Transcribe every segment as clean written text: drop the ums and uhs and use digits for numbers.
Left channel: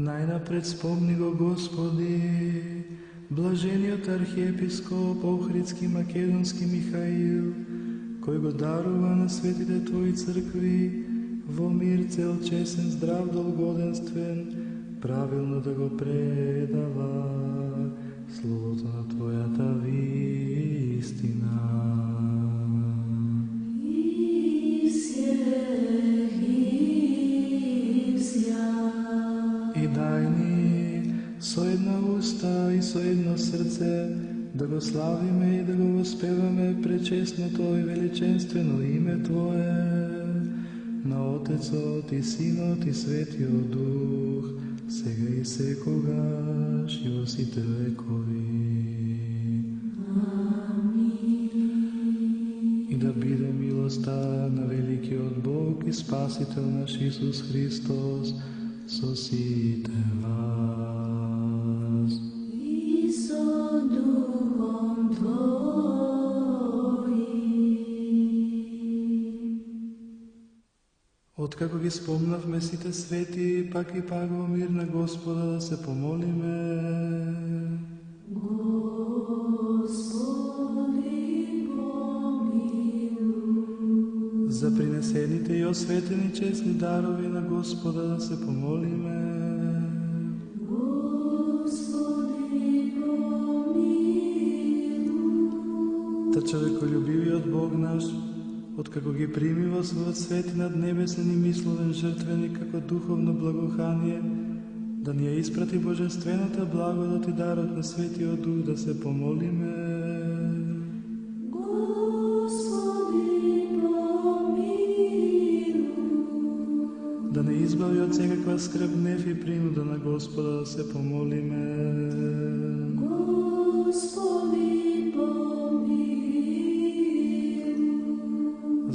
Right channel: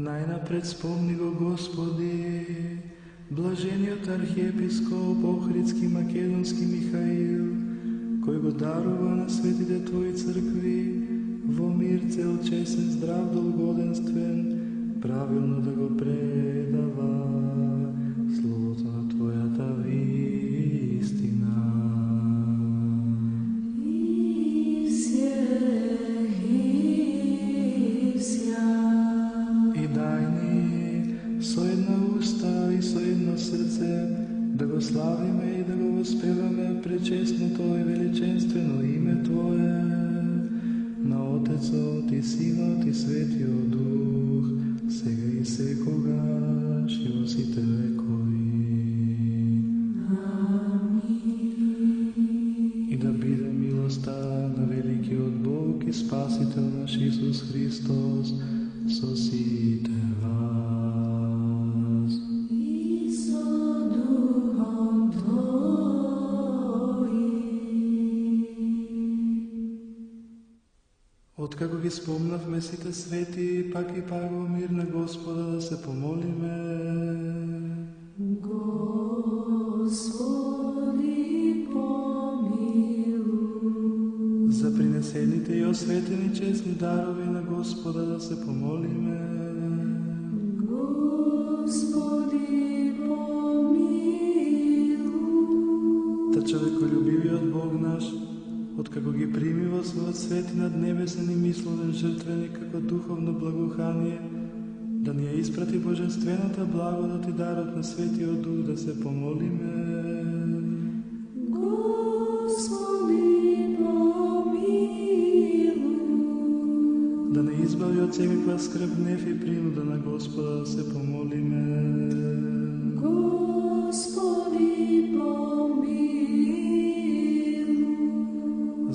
Најнапред спомни го, Господи, блажениот архиепископ Охридски Македонски Михаил, кој го дарува на светите Твои цркви во мир цел, чесен, здрав, долгоденствен, правилно да го предава словото на Твојата вистина. И дај ни со една уста и со едно срце да го славиме и да го воспеваме пречестното и величенствено име Твое, на Отецот и Синот и Светиот Дух, сега и секогаш и во сите векови. И да биде милоста на великиот Бог и Спасител наш Исус Христос со сите вас. И со духом Твоим. Откако ги спомнавме сите свети, пак и пак во мир на Господа да се помолиме. Господи, помилуј. За принесените и осветени честни дарови на Господа да се помолиме. Господи, помилуј. Та човеколюбивиот Бог наш, откако ги прими во својот свети над небесен и мисловен жртвеник како духовно благоухание, да ни ја испрати божествената благодат и дарот на Светиот Дух да се помолиме. Господи, помилуј. Да не избави од секаква скрб, гнев и принуда на Господа да се помолиме. Господи, помилуј.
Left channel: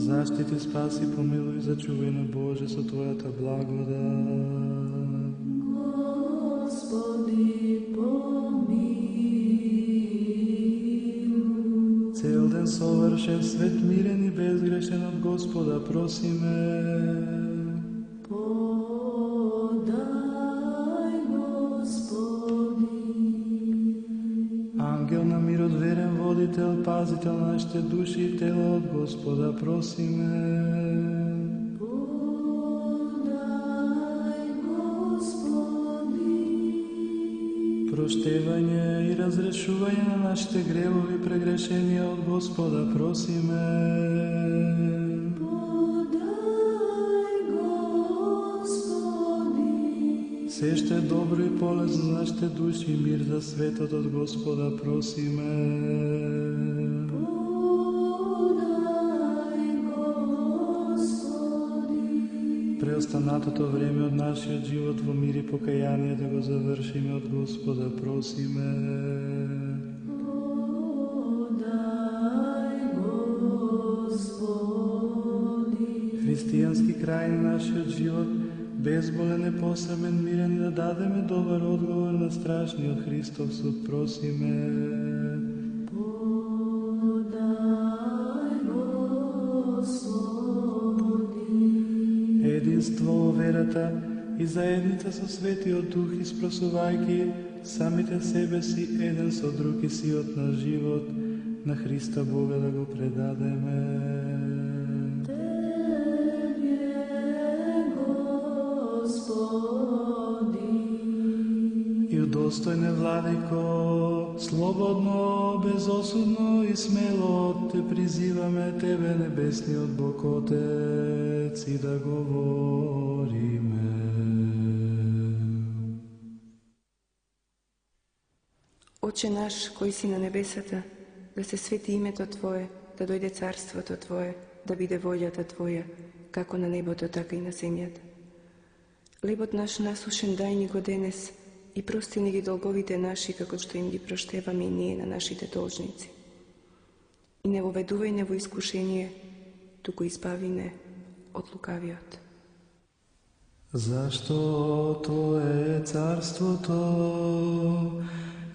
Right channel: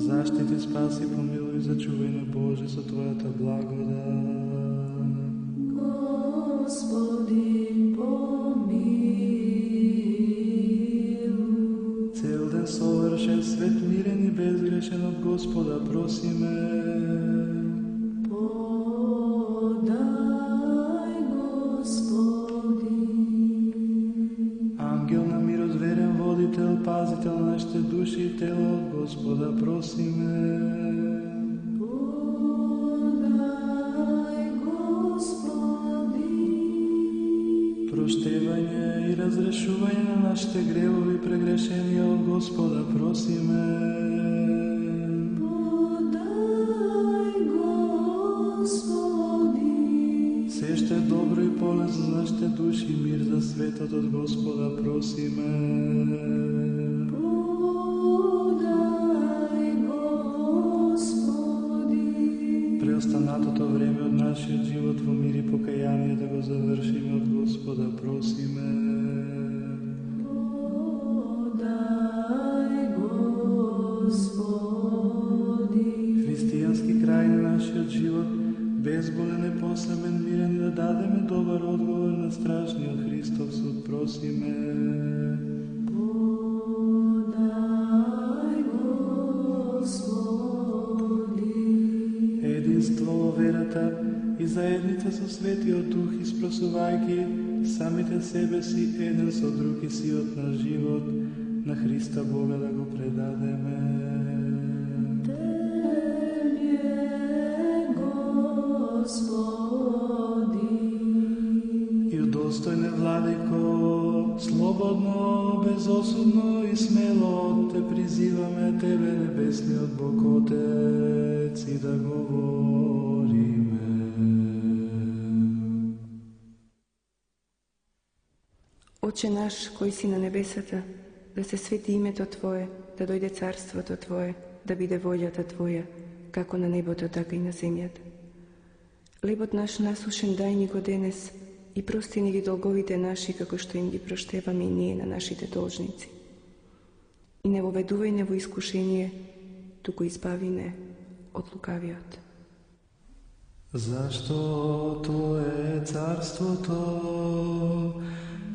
Заштити, спаси, помилуј, зачувај на Боже со Твојата благодат. Господи, помилуј. Цел ден совршен, свет, мирен и безгрешен од Господа просиме. Подај, Господи. Ангел на мирот, верен водител, пазител на нашите души и тело, од Господа просиме. Подај, Господи. Проштевање и разрешување на нашите гревови прегрешенија од Господа просиме. Подај, Господи. Се што е добро и полезно за нашите души и мир за светот од Господа просиме. Подај, Господи. Преостанатото време од нашиот живот во мир и покаяние да го завршиме од Господа просиме. Подај, Господи. Христијански крај на нашиот живот, безболен, непосамен, мирен, да дадеме добар одговор на страшниот Христов суд просиме. Подај, Господи. Единство во верата и заедница со Светиот Дух, испросувајќи самите себе си еден со друг и сиот на живот, на Христа Бога да го предадеме. Тебе, Господи. И удостојне, Владико, слободно, безосудно и смело те призиваме Тебе, небесниот Бог Отец, и да говориме. Отче наш, кој си на небесата, да се свети името Твое, да дојде царството Твое, да биде волјата Твоја, како на небото, така и на земјата. Лебот наш насушен дај ни го денес и прости ни ги долговите наши, како што им ги проштеваме и ние на нашите должници. И не воведувај не во искушение, туку избави не од лукавиот. Зашто Твое е царството,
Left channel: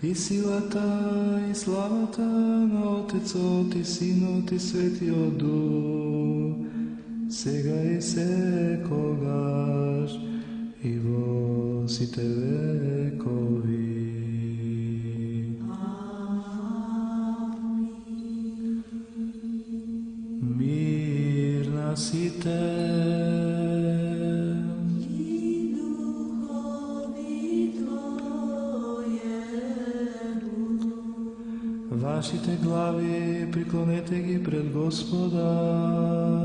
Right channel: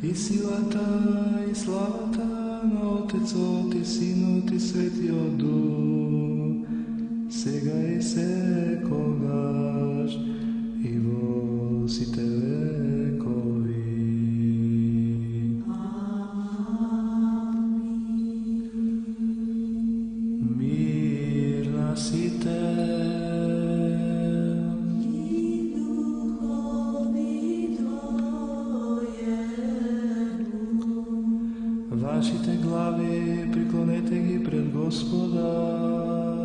и силата, и славата на Отецот и Синот и Светиот Дух, сега и секогаш, и во сите векови. Мир на сите. Вашите глави приклонете ги пред Господа.